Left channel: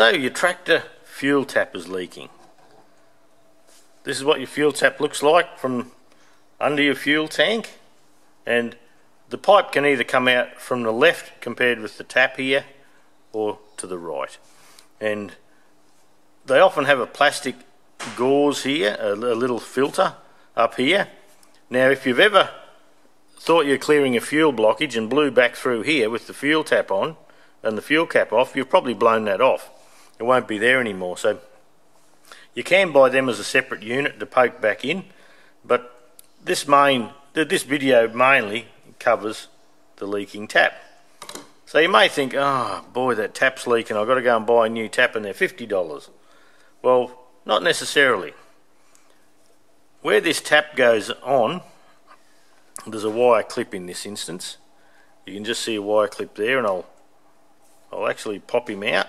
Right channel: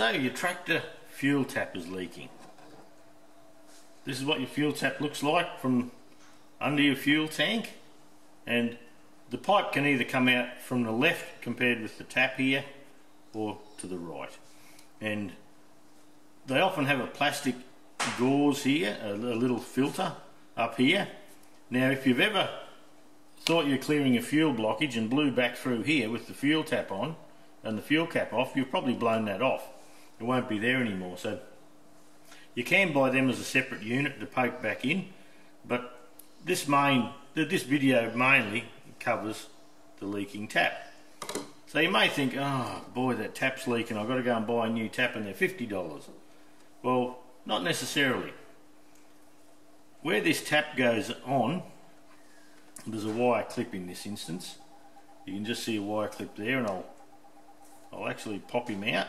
So your tractor fuel tap is leaking. This is what your fuel tap looks like from under your fuel tank, and the pipe can either come out from the left compared with the tap here or to the right, and they often have a plastic gauze here, a little filter up here. Now if you've ever thought you're clearing a fuel blockage and blew back through here with the fuel tap on and the fuel cap off, you've probably blown that off. It won't be there anymore. So you can buy them as a separate unit to poke back in, but this video mainly covers the leaking tap. So you may think, oh boy, that tap's leaking, I've got to go and buy a new tap and they're $50. Well, not necessarily. Where this tap goes on, there's a wire clip in this instance. You can just see a wire clip there, and I'll actually pop him out.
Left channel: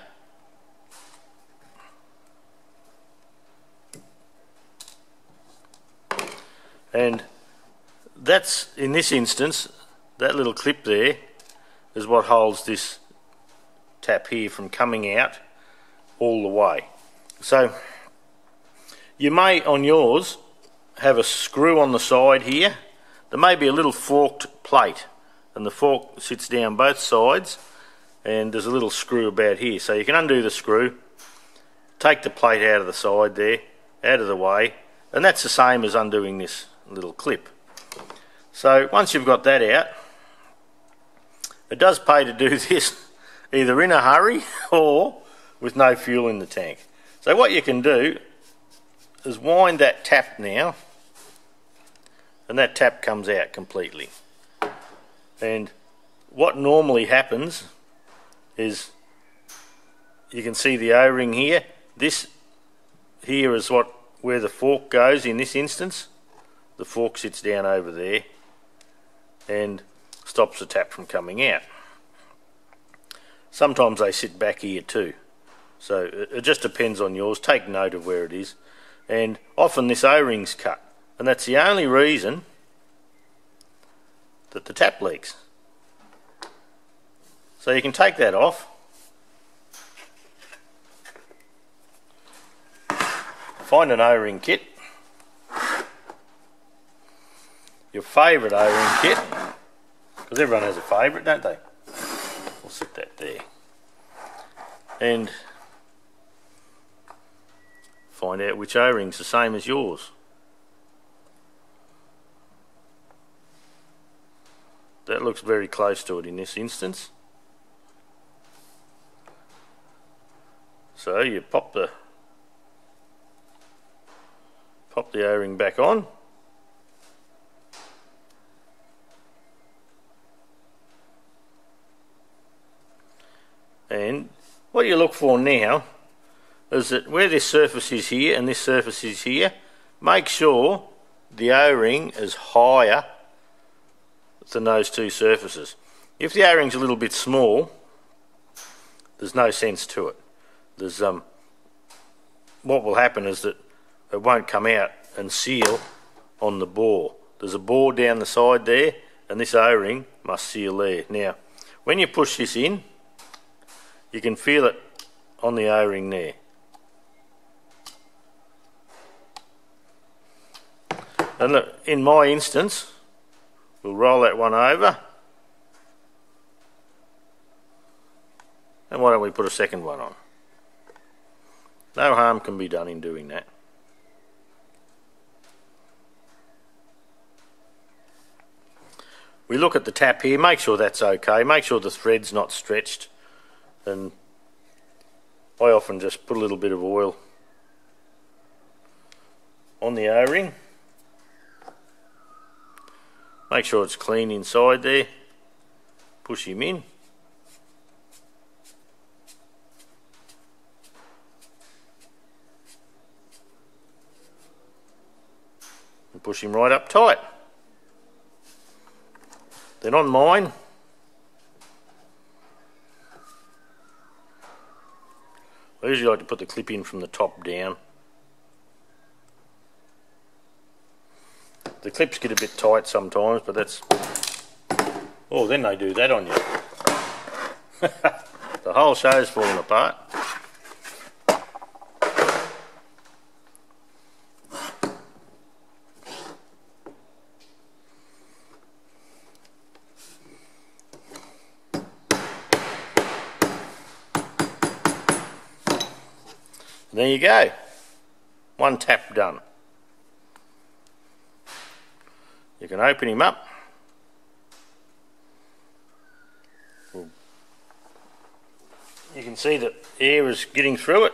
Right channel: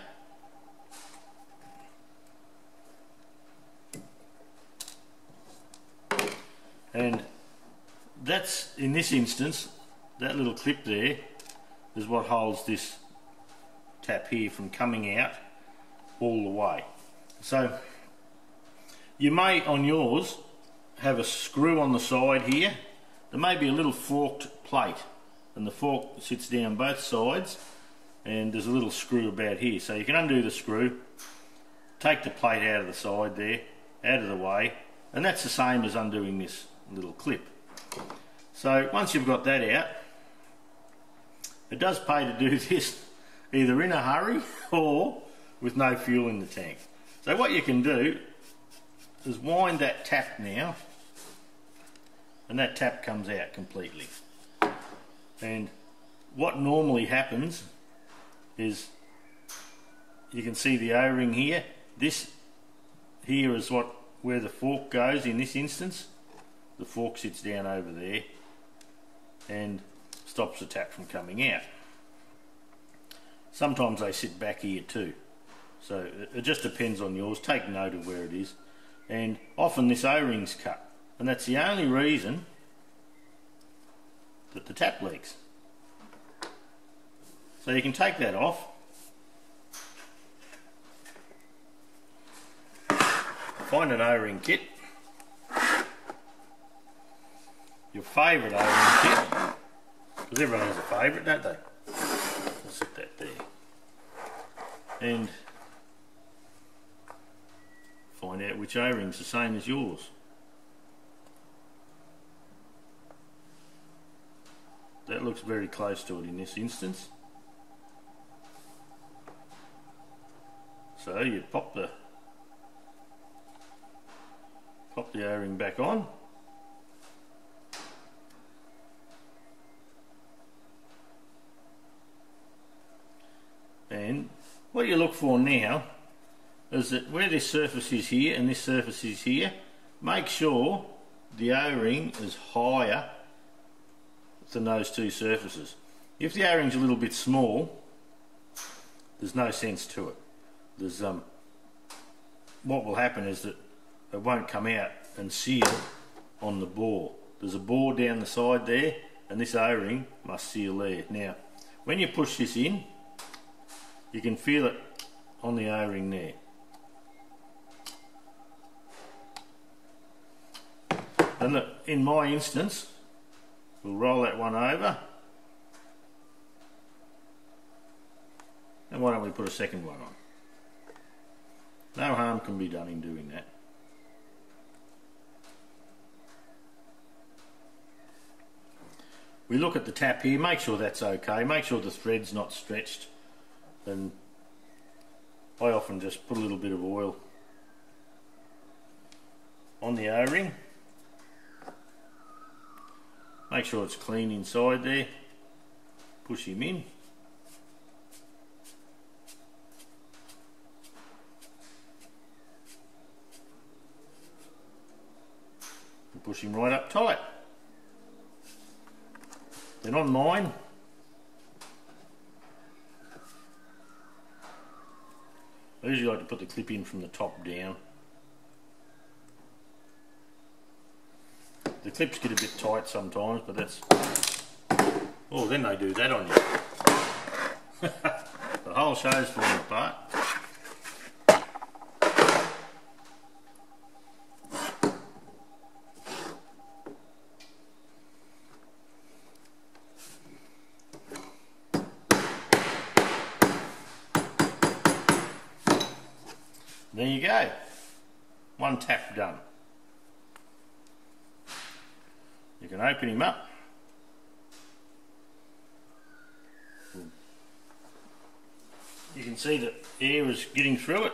And that's, in this instance, that little clip there is what holds this tap here from coming out all the way. So you may on yours have a screw on the side here. There may be a little forked plate, and the fork sits down both sides, and there's a little screw about here. So you can undo the screw, take the plate out of the side there, out of the way, and that's the same as undoing this little clip. So once you've got that out, it does pay to do this either in a hurry or with no fuel in the tank. So what you can do is wind that tap now, and that tap comes out completely. And what normally happens is, you can see the O-ring here. This here is where the fork goes in this instance. The fork sits down over there and stops the tap from coming out. Sometimes they sit back here too. So it just depends on yours. Take note of where it is. And often this O-ring's cut, and that's the only reason that the tap leaks. So you can take that off. Find an O-ring kit. Your favourite O-ring kit, because everyone has a favourite, don't they? I'll sit that there. And find out which O-ring's the same as yours. That looks very close to it in this instance. So you pop the O-ring back on. And what you look for now is that where this surface is here and this surface is here, make sure the O-ring is higher than those two surfaces. If the O-ring's a little bit small, there's no sense to it. There's what will happen is that it won't come out and seal on the bore. There's a bore down the side there, and this O-ring must seal there. Now, when you push this in, you can feel it on the O-ring there. And look, in my instance, we'll roll that one over. And why don't we put a second one on? No harm can be done in doing that. We look at the tap here, make sure that's okay, make sure the thread's not stretched, and I often just put a little bit of oil on the O-ring. Make sure it's clean inside there, push him in. And push him right up tight. Then on mine, I usually like to put the clip in from the top down. The clips get a bit tight sometimes, but that's... Oh, then they do that on you. The whole show's falling apart. there you go. One tap done. You can open him up. You can see that air is getting through it.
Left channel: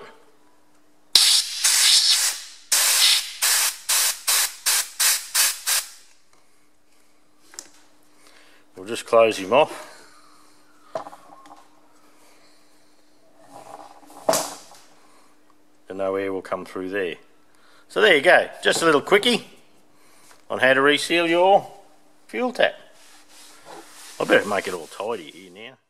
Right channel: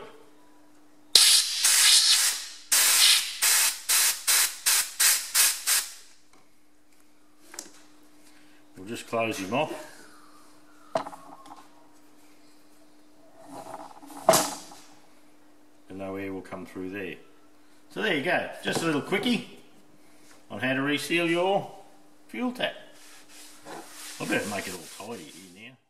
We'll just close him off. And no air will come through there. So there you go, just a little quickie on how to reseal your fuel tap. I better make it all tidy here now.